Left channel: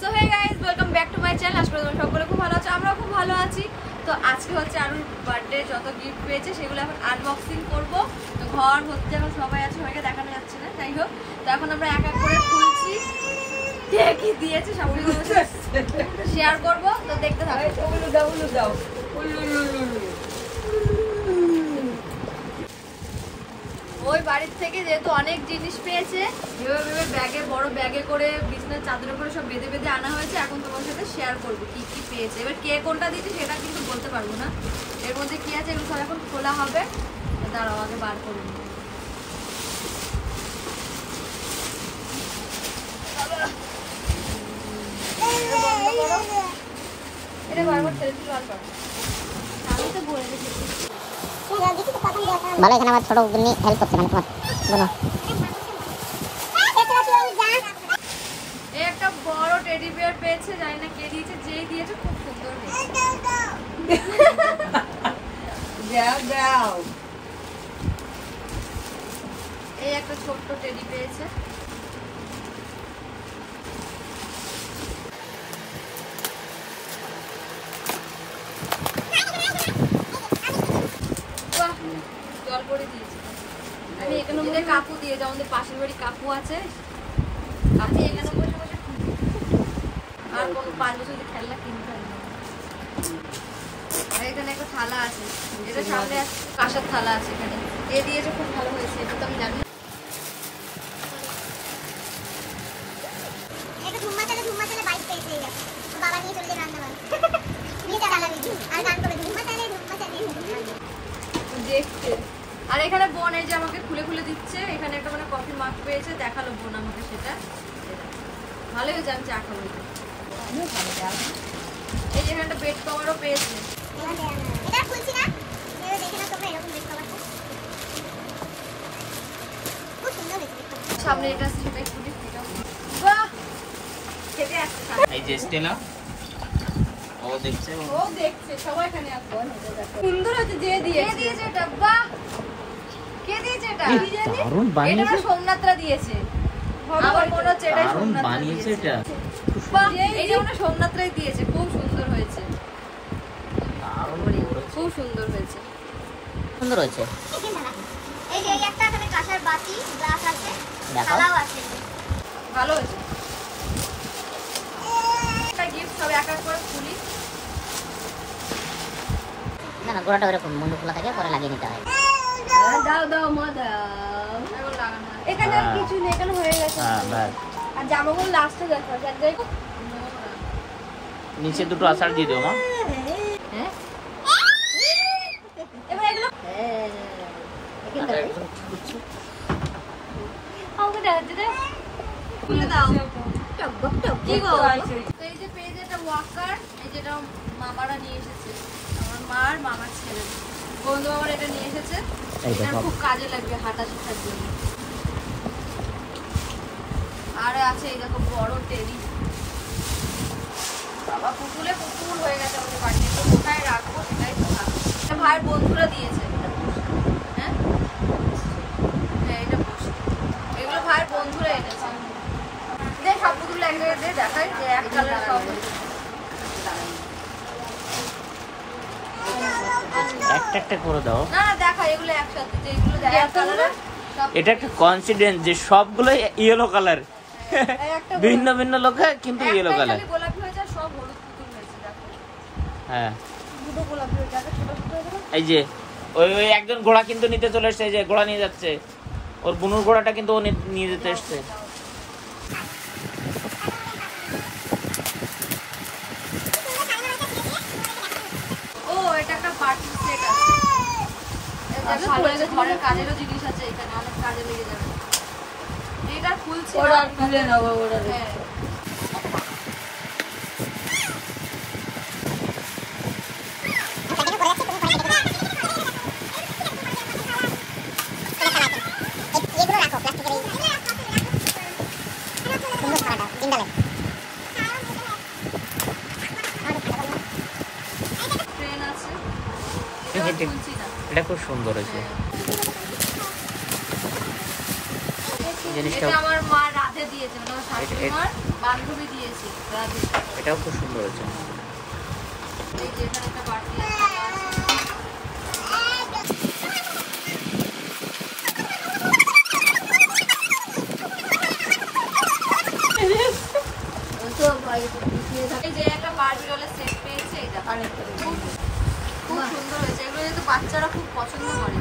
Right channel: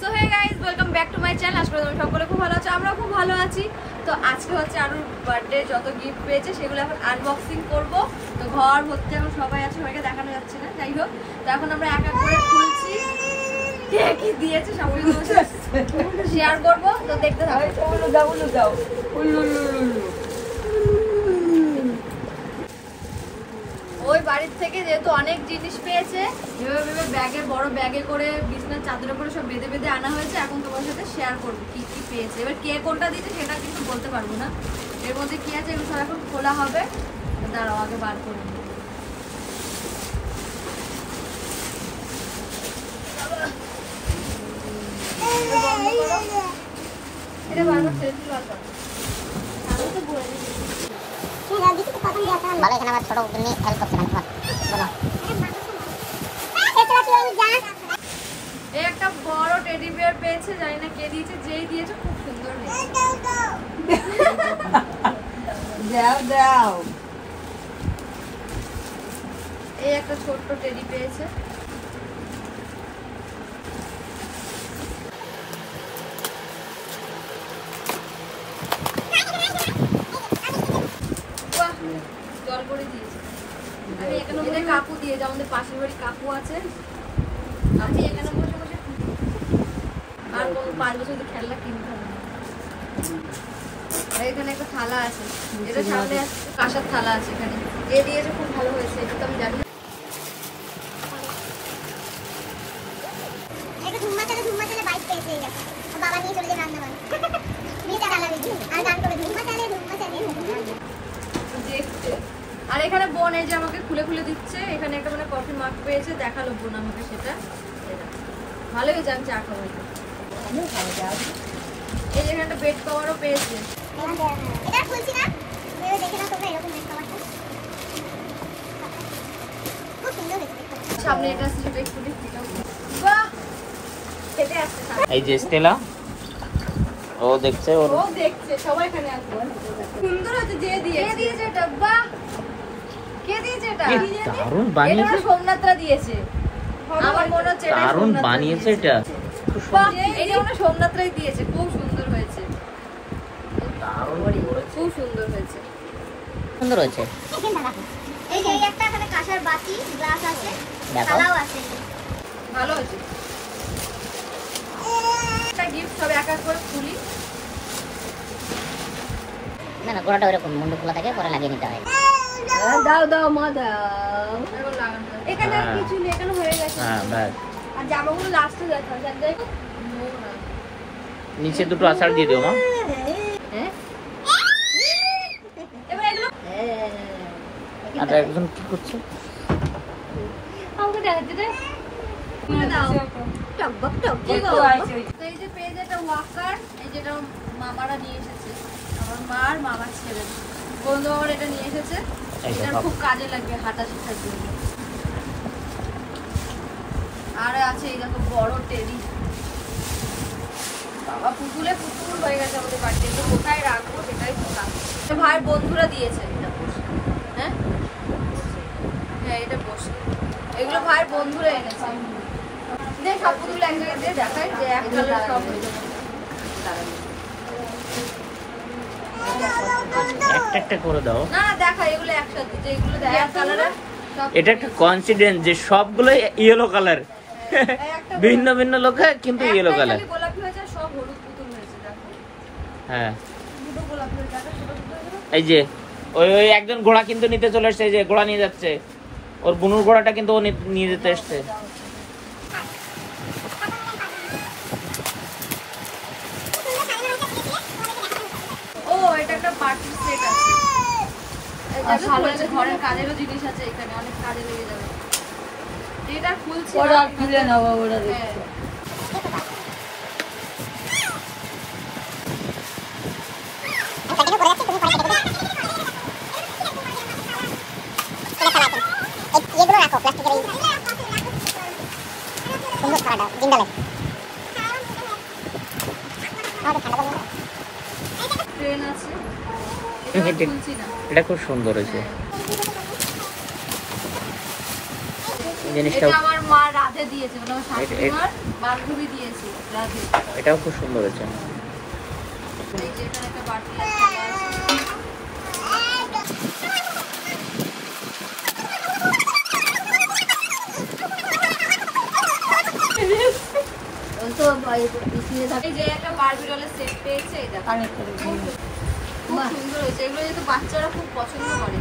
So hey guys, welcome back to my channel. আশা করি তোমরা সকলে খুব ভালো আছো, আমরাও খুব ভালো আছি। তো আজকে হচ্ছে আরুর বার্থডে, যত গিফট পেয়েছে সেগুলো এখন আনবক্সিং করব। তো ঘর ভর্তি এখন সবাই আছে, সবাইকে দেখানো যাচ্ছে না, যাই হোক। তো এখন আমরা এক এক করে খুলছি, কে কি দিয়েছে সবই তোমার সাথে শেয়ার করব। তো দেখতে থাকো। ওই বাড়ির থেকে যেহেতু অনেক জিনিস পেয়েছে, এভাবে ব্যাগে, বড় ব্যাগে করে বিছানার চাদরে করে সব বেঁধে বেঁধে আনা হয়েছে। এখন তোমার সাথে শেয়ার করবো কি কি পেয়েছে। এবার কে কোনটা দিয়েছে সেটা কিন্তু বলতে পারবো না। এর মধ্যে কি আছে এগুলো সব এখন খোলা হবে। দাঁড়াও, আগে বার করে নিই। এটা বারবার সেলফি বার করো। আমি তো বলে দিচ্ছি ভালো, এখানে আমার ছোট নিয়ে হেল্প করতে মানে এই একটা বড় টেডি বিয়ার পেয়েছে, জানি না কে দিয়েছে, যেই দিয়েছে খুব সুন্দর হয়েছে। দাও এই একটা ছোট্ট টেডি পেয়েছে। বাহ, জল করে দিয়েছে। আমি এখানে যেটা কাকু দিয়ে, আমাদের পাশের বাড়ি কাকু আছে, আমি এখানে বসে বসে আর কোনো 5 বছর খেলনা কিনতে হবে না। আর এখানে একটা থালা আছে, এটা সামনে কাঁসার থালা আছে। এখানে এ দিয়েছে, খুব ভালো হয়েছে। এটা তো আমি জানি না। বাইক পেয়েছে, বাবা নিয়ে চলে যায় রান্না বান্না নিয়ে চালাবে আর গান করবে ধুম্মা চালে দেখতে। আর এখানে বোন এই যে আমাকে খুলে খুলে দিচ্ছে। এখানে একটা মানে কফি মাগ পেয়েছে, দেখালো বোন আমাকে সেটা। ভালোই হয়েছে, আমি চা খাবো। এই যে এখানে বেড কভারও পেয়েছে। এটা খুলছি না, দেখে না তোমরা এরকম বেড কভারটা খুব সুন্দর হয়েছে। সামনে এটা আছে, সেটা একটু দেখতে। বাহ, খেতে আসছে। এই যে স্টেলা, ও দেখছে, ও দেখছে, সবাই এখানে আছে। সুন্দর হয়েছে। যে দিয়েছে এটা, বাহ, কে দিয়েছে এটা? দারুণ এটা বানিয়েছে, সোমনাথরা দিয়েছে। আমার মনে হচ্ছে এটা দারুণ বানিয়েছে এটা। বাহ, এটা মনে হয় সোমনাথরাই দিয়েছে। খুব সুন্দর হয়েছে, দারুণ করেছে, খুব সুন্দর হয়েছে। সুন্দর হয়েছে। এই যে একটা এখানে কাঁসার বাটি গ্লাস আছে, দেখো থালাও আছে। ভালো হয়েছে। একটা গিফট সব এক এক করে খুলি। না না, গোড়াটা ওরকম মুন্ডু খোলা থাকে, পরে লাগিয়ে নিতে হয়। দাও দাও মা দাও। এখন লাগানো যাবে। এখানে আর কিছু নেই, এখানে হয়ে গেছে। হ্যাঁ বাস, আর জামাগুলো লাস্টে দেখা যায়। নিচে দুটো আষাঢ় দিয়ে দিও মা। হ্যাঁ, এবার এগুলো আর একজন কি করছে? আমাকে দেখাচ্ছে রে, খুলে দাও। টকবক টকবক। তো এই যে পেজ একটা ওয়াকার, এই যেটা মামারা নিয়ে এসেছে, আমার মার মামার ছেলে বন্ধু আমার এটা নিয়ে এসেছে। এটা খুব কাজে লাগবে হাঁটা শেখার জন্য। আর আছে এই দেখো বড় টেডি। বাবা, পুতুলে পুতুল হয়ে গেছে আমাদের বাড়িতে। তো কোথায় রাখবো সেটাই তো ভাবছি। ভাই বন্ধুরা দিয়েছে। হ্যাঁ হ্যাঁ, এটা বসে, এগুলো ভাইয়ের বন্ধুরা এনেছে। দে সব পুতুল এক জায়গায় দিয়ে দেখাই যে এক কালার সব হয়েছে। একটা একটা করে দাও। না না, দেখা এগুলো একসাথে, যে এগুলো এক কালারের সব। এটা একটা কনসিডেন্স যে সবগুলো ইয়েলো কালার, ভিন্ন ভিন্ন লোকে কিন্তু ইয়েলো একটাই কালার। খালি গোলাপি হয়েছে আর সব হলুদ পুতুল হয়েছে। দেখো হ্যাঁ, দুটো গোলাপি হয়েছে, একটা সবুজ হয়ে গেল। এই যে ওই ওই একজন ঘোড়া কিন্তু নিতে চলে এসছে, এই যে ঘোড়া নিয়ে যাচ্ছে, ওর বুনুর ঘোড়াটা কিন্তু ও নিয়ে যেতে এসছে। ও, এটা একটা পার্টি সেট আছে। এটা ভালো হয়েছে, ঘরের কাজেরও জিনিস আছে এখানে, অনেক কাজে লেগে যাবে। এটা খুলছি ওরা খুলে নেওয়া বলে। হ্যাঁ, এগুলো রাখো প্লাস্টিকের, এই সুন্দর থালাটা জিন্দালে। ট্রেন আছে। খুলছি না। এটা খুব সুন্দর হয়েছে এই জিনিসটা। এটা আমার মা রাধে দিয়েছে, মানে আমার শাশুড়ি মার বান্ধবী দিয়েছে রাধে। এটাও খুব সুন্দর হয়েছে। এই যে এখানে একটা বাটি আর থালা আছে। এই যে একটা বারবি ডলের সেট পেয়েছে, এই দেখো খুব সুন্দর হয়েছে। এগুলো যেহেতু বাচ্চারা খুব পছন্দ করে।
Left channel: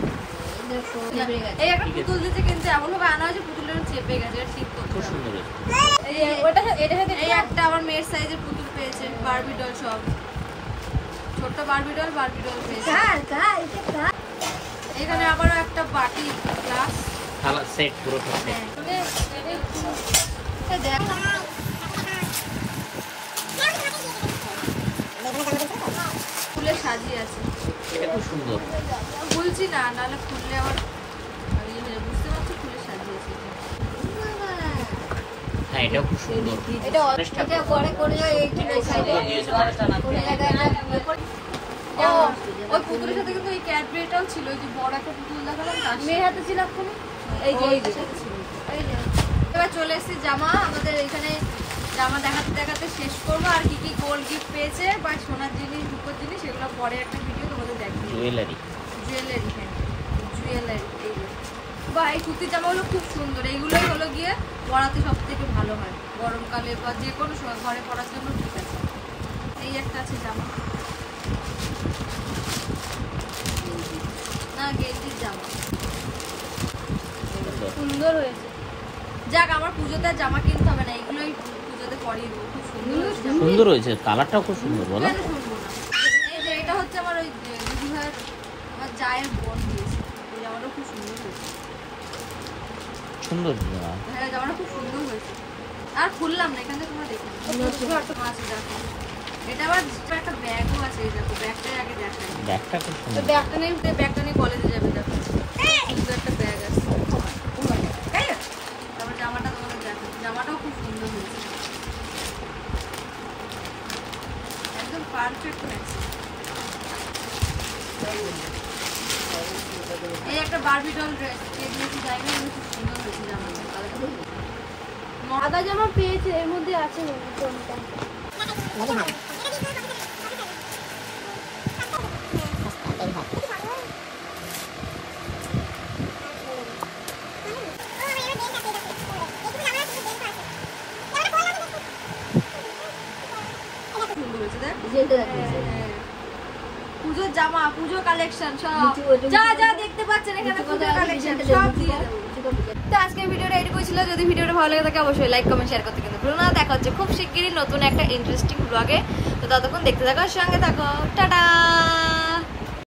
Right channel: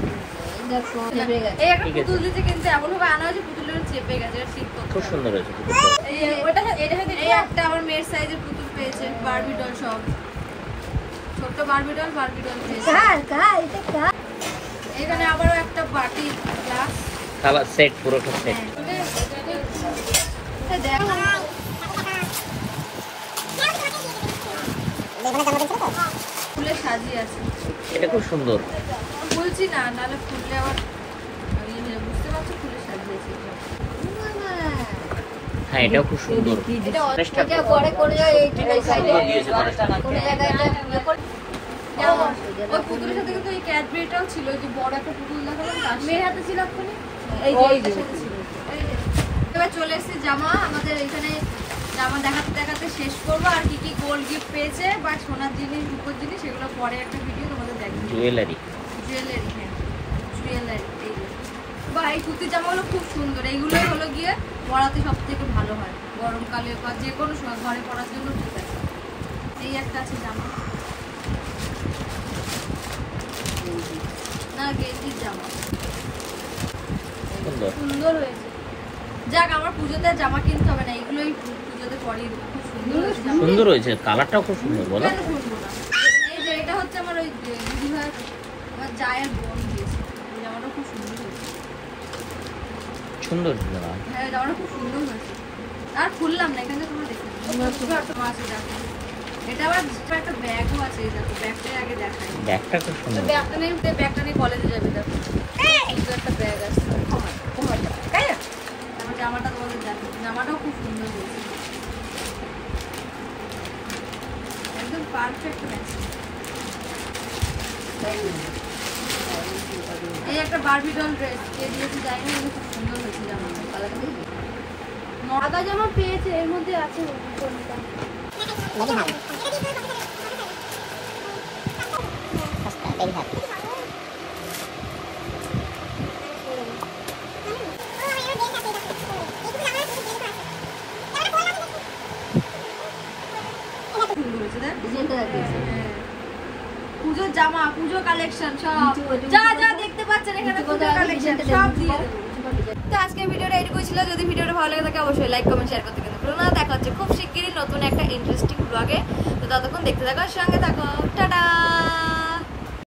এই একটা পুতুল দিতে কিন্তু এমন ভাবে আনা হয়েছে পুতুলটা চেপে গেছে, এটা ঠিক করতে খুব হবে। সুন্দর হয়েছে। এই একটা আমার মেয়ের সাইজের পুতুল পেয়েছে, বারবি ডল সব ছোট্ট বারবি ডল পেয়েছে। এখানে আবারও একটা বাটি গ্লাস থালা সেট, পুরোটা সেট। ফুলে সাজিয়ে আছে, এটা খুব সুন্দর। বলছি না, নাহলে ফুললে আবার বুঝতে পারছো, ফুলে সাজিয়েছে। হ্যাঁ, এটাও খুব সুন্দর। ওই পুতুলের সাথে কিন্তু এই ক্যাডবেরিটাও ছিল, ওই যে বড় একটা পুতুল দেখালাম তার মেয়ের হাতে ছিল। এই যে এইটার সাথে ছিল। এবার চলে এসেছি জামা। আমাদের এখানে জামা দেখাতে দেখাতে শেষ করবো। আর কি কি গোল্ড গিফট পেয়েছে বা সোনার জিনিস, রূপোর জিনিস, সেগুলো পরে একটা ভিডিও তোমাদের দেখবে। জুয়েলারি, হ্যাঁ জুয়েলারি। এই যে বা এই কুর্তির জামাগুলো খুব সুন্দর। এইগুলোই হলো গিয়ে পরাতে সব থেকে ভালো হয়, গরমকালে বা যে কোনো সময় ঘরে পরার জন্য ঠিক আছে। এই একটা আছে জামা, না গেঞ্জির জামা, সুন্দর হয়েছে। যাক, আমার পুজোতে জামা কিনতে হবে না, এগুলোই পুজোতে পরিয়ে দেবো। খুব সুন্দর হয়েছে জামা। সুন্দর হয়েছে, কালারটাও খুব সুন্দর। বলো কেন শুনবো না। এই যে এটা হচ্ছে আমার ওই দিদি ভাইয়ের, আমার জায়ের বোন দিয়েছে। এই জামাটা খুব সুন্দর হয়েছে। সুন্দর জামা। হ্যাঁ, জামাটা খুব সুন্দর হয়েছে। আর খুললাম না, এখানে তোমরা দেখো। আছে দেখো, এটা আবার একটা ব্যাগও আছে। এই দেখো, ব্যাগটা আগে দেখাই। ব্যাগটা খুব সুন্দর। ব্যাগটা নিয়ে কলেজে যাবে। দেখো সুন্দর একটা ব্যাগ আছে। তারপর জামাটা তোমাদের দেখো, জামাটাও খুব সুন্দর হয়েছে, একদম পারফেক্ট ম্যাচিং। এই একটা বারবি ডল ড্রেস কে দিয়েছি জানি না, খুব সুন্দর হয়েছে জামাটা। সাদা জামা পেয়েছে, এর মধ্যে আছে পুজোর জামা, পুজো কালেকশন সব যা যা দেখতে পাচ্ছেন এখানে, পুজো কালেকশন সব দিয়ে দেবো। তো আজকের ভিডিওটা এটুকুই ছিল। যদি ভিডিওটা ভালো লাগে থাকে অবশ্যই লাইক কমেন্ট শেয়ার করতে কিন্তু ভুলো না। দেখা হচ্ছে খুব শিগগিরই নতুন একটা ইন্টারেস্টিং ব্লগে। তো ততক্ষণ দেখতে থাকো, সঙ্গে থাকো। টাটা।